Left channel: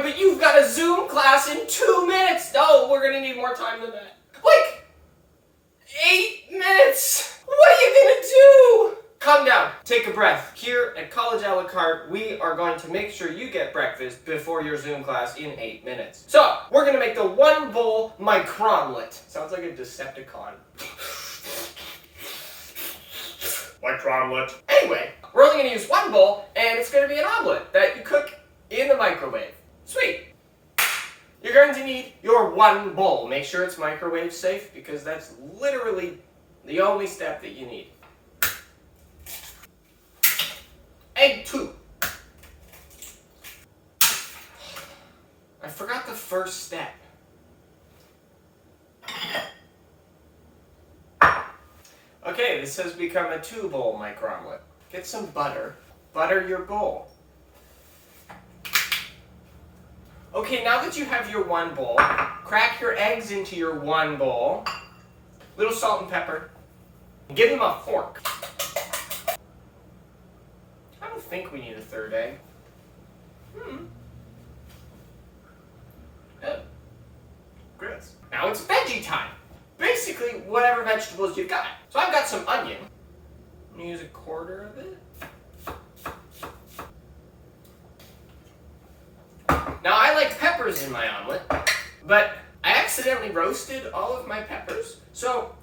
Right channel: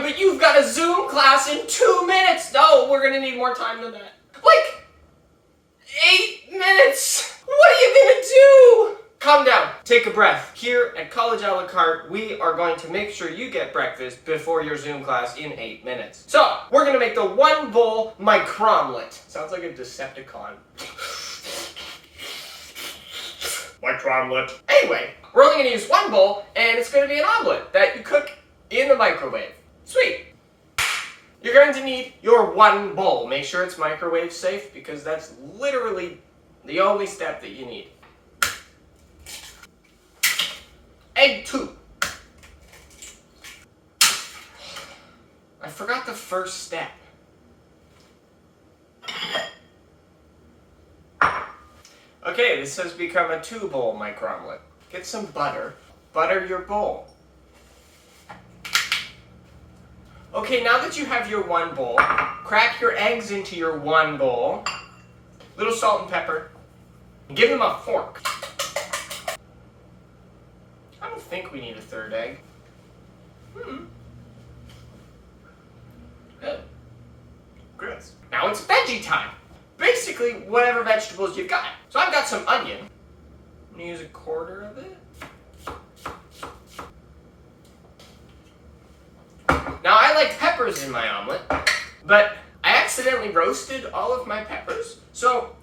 time, but you've got a Zoom class in 2 minutes. No, we're gonna need more time than that. Like 8 minutes. What are you gonna do? Calm down, take a breath. Here at College a la carte, we are going to make sure you get breakfast before your Zoom class in 8 minutes. So, we're gonna make the 1 bowl Micromelette. Sounds like a Decepticon. Micromelette. Anyway, we're only gonna use 1 bowl, and it's gonna be an omelet that you cook in the microwave. Sweet. You're going to need your 1 bowl. Make sure it's microwave safe, because that's literally the only step that you need. Egg 2. I forgot the first step. Okay, this has become a 2 bowl micromelette. Get some butter. Butter your bowl. Okay, now that you have your 1 bowl, crack your eggs into your 1 bowl. Little salt and pepper. Give them a fork. I don't think we need a 3rd egg. Good. Gross. Now it's veggie time. Basically, whatever vegetables you've got. So I've got some onion. I'm gonna use 1/4 of it. Now I like peppers in my omelet, but I accidentally roasted all of my peppers, so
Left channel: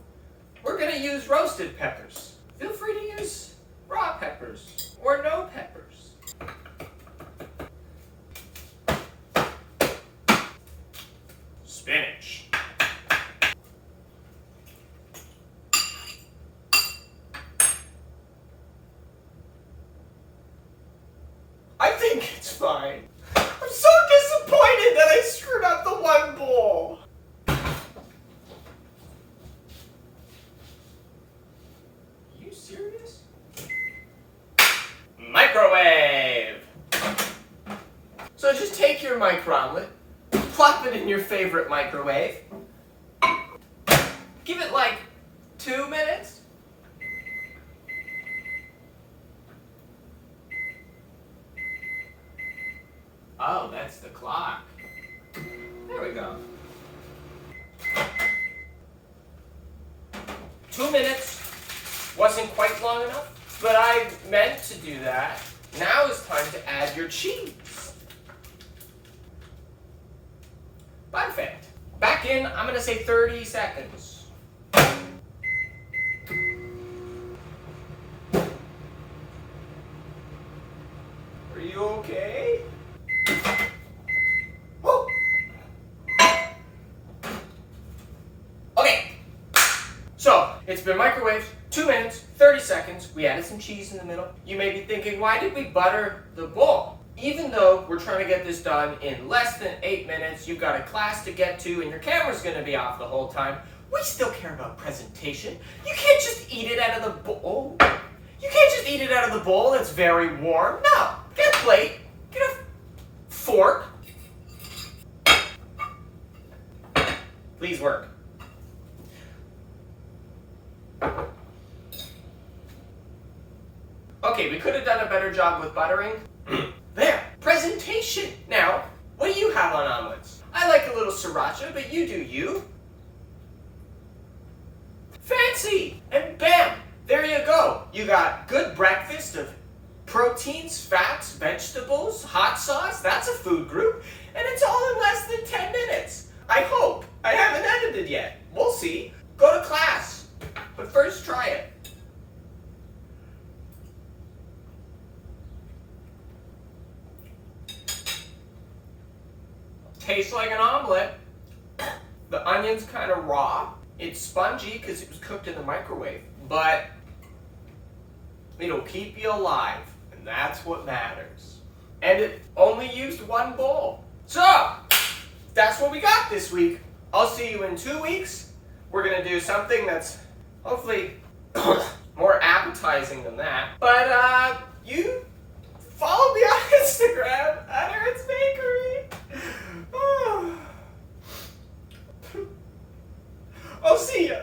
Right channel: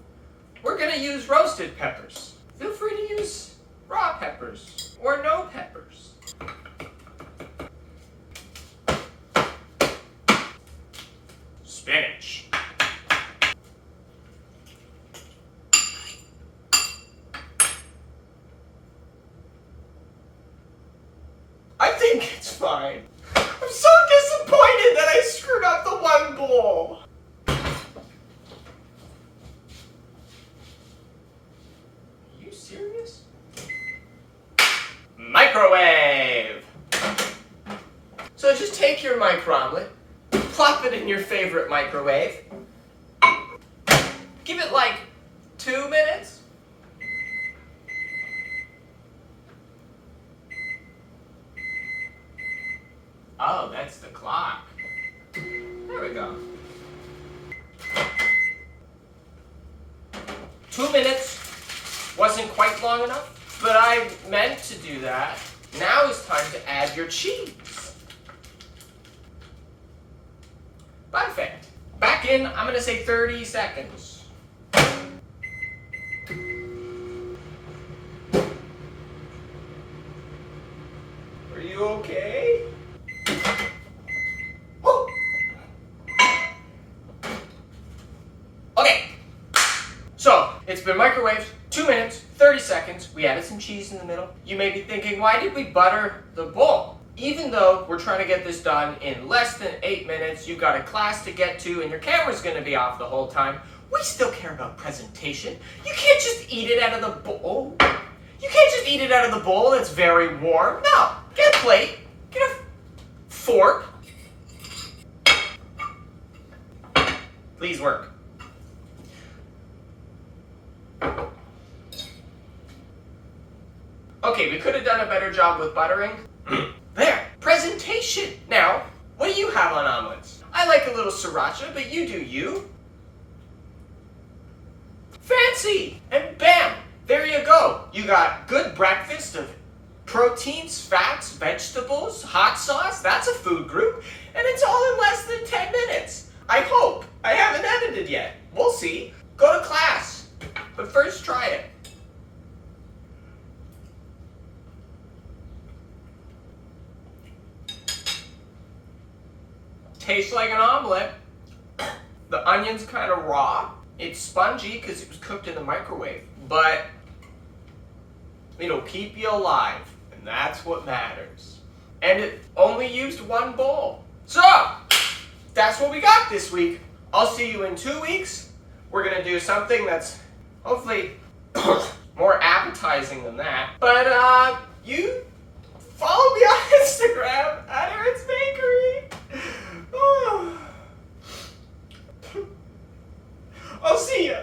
we're gonna use roasted peppers. Feel free to use raw peppers or no peppers. Spinach. I think it's fine. I'm so disappointed that I screwed up the 1 bowl. Are you serious? Microwave! So just take your micromelette, plop it in your favorite microwave, give it like 2 minutes. Oh, that's the clock. There we go. 2 minutes wasn't quite long enough, but I meant to do that. Now it's time to add your cheese. Perfect. Back in, I'm gonna say 30 seconds. Are you okay? Okay, so it's been microwaved 2 minutes, 30 seconds. We added some cheese in the middle. You may be thinking, why did we butter the bowl? Even though we're trying to get this done in less than 8 minutes, you've got a class to get to and your camera's gonna be off the whole time, we still care about presentation. You can't just eat it out of the bowl. You can't just eat it out of the bowl that's very warm. No, get a plate, get a fork. Please work. Okay, we could have done a better job with buttering. There, presentation. Now, what do you have on omelets? I like a little sriracha, but you do you. Fancy! And bam, there you go. You got good breakfast of proteins, fats, vegetables, hot sauce. That's a food group. And it's all in less than 10 minutes. I hope. I haven't edited yet. We'll see. Go to class. But first, try it. Tastes like an omelet. The onion's kind of raw. It's spongy because it was cooked in the microwave. But it'll keep you alive. And that's what matters. And it only used 1 bowl. So, that's what we got this week. I'll see you in 2 weeks. We're going to do something that's hopefully more appetizing than that. But you follow me on Instagram at Aaron's Bakery. I'll see ya.